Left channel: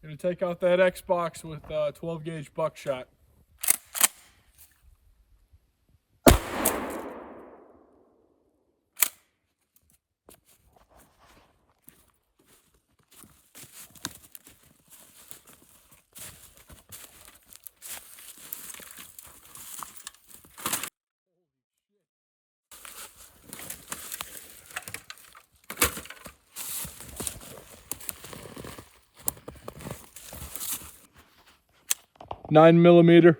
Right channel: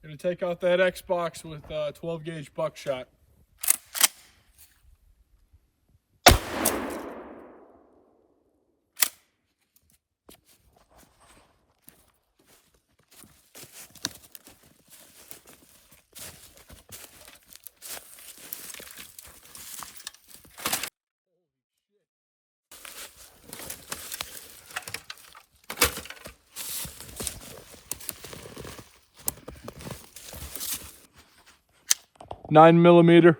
Gonna take out that Xbox with 12 gauge buckshot. Nine millimeter.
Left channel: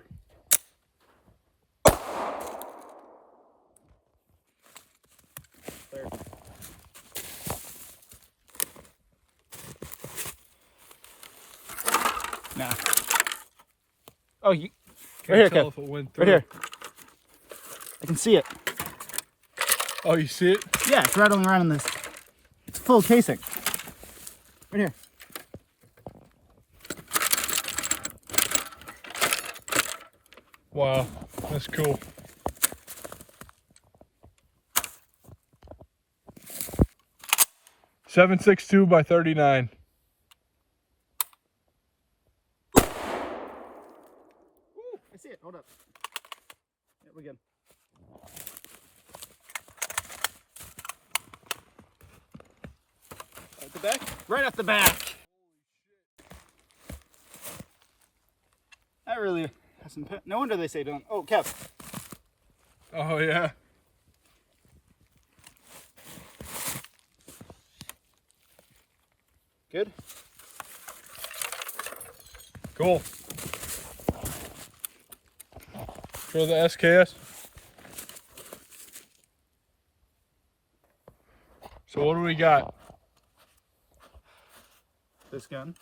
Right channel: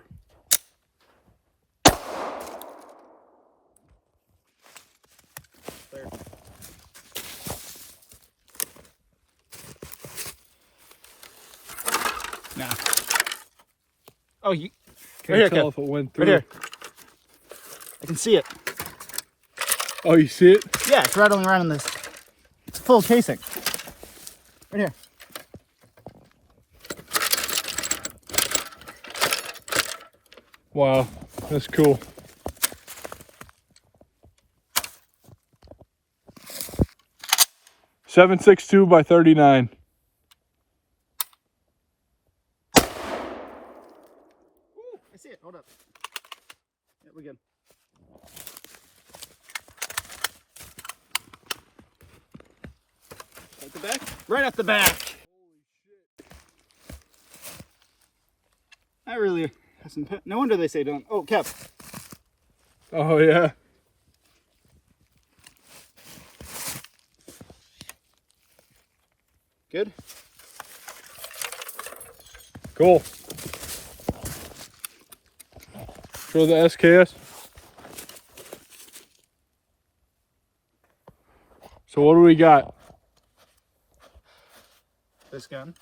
Nah. Oh, you Can't right tell here, if it went through. right here. I can see it. Oh, you see it? Yeah, it's rattling around in this full casing. Right here. Wow, that's cool. .762 by 39. Ooh, I see it. Hold up. Yeah, we're good. At the back? Right at the back. Holy shit. That really has some. No wonder they say don't. Oh, Kev. Oh yeah. Good. Cool. Show the SKS. So what do we got? This gun.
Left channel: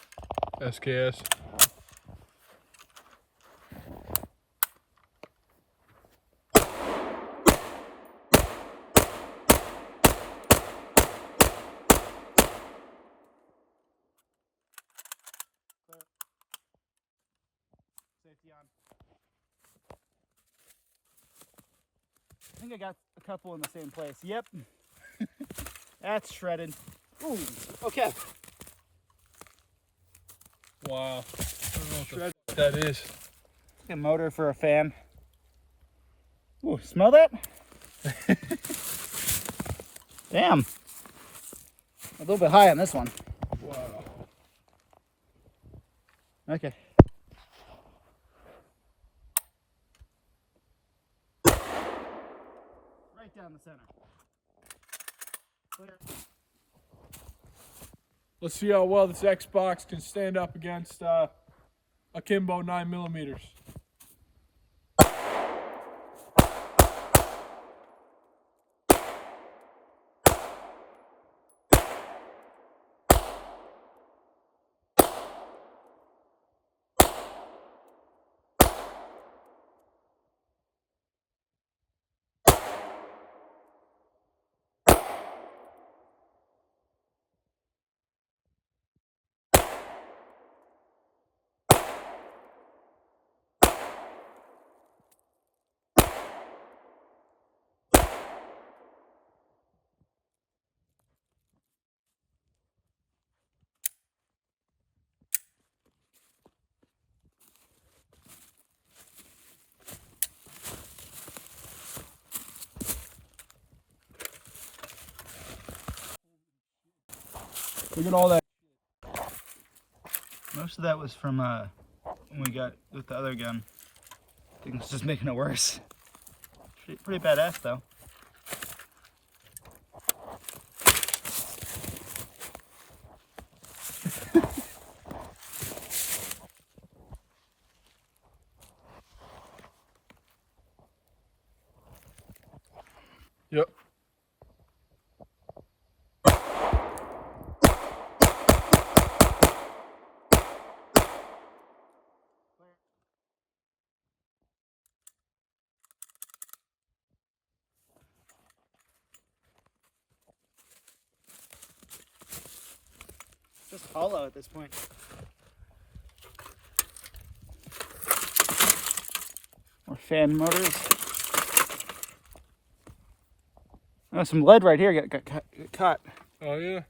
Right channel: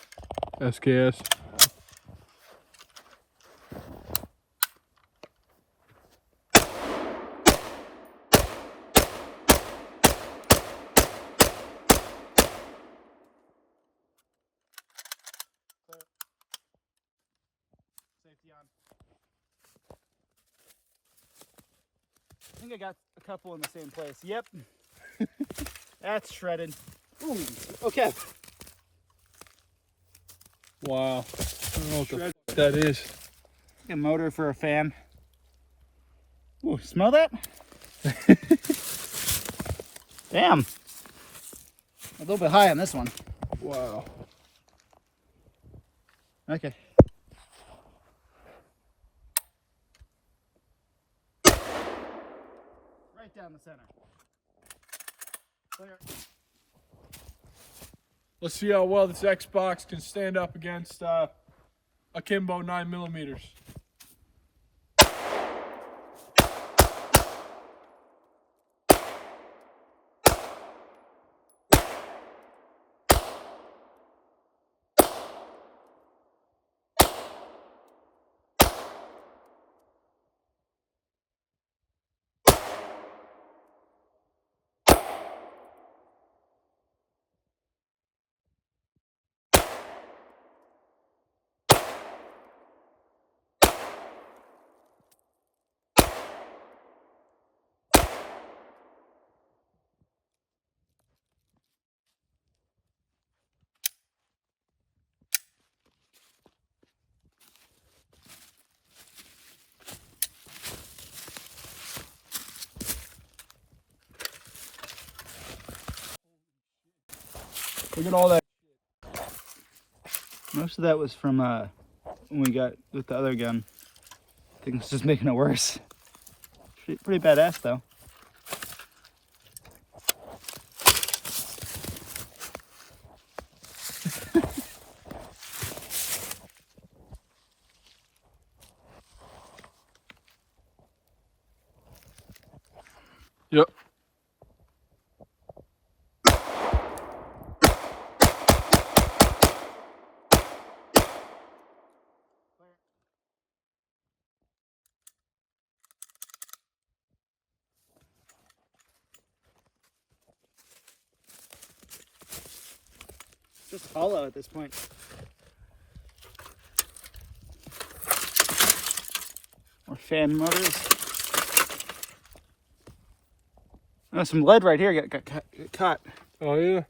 SKS. Safety on. I think I got a couple in the same place. Yep. That's shredded. Ooh. Okay. Wow. I don't know what the fuck that is. A motor for a fan. Ooh, smell that? Damn. A little bit high on this one. Wow. Okay. Right down the center. Clear. Let's see how well this Xbox can stand up against akimbo 9 millimeters. Look at all that. Most of that was from when we got with the other gun. I think it's just making it worse. Pretty badass though. Yep. Just hollow at this point. More fan motors. There's some lead right here. Got caught. Oh yeah.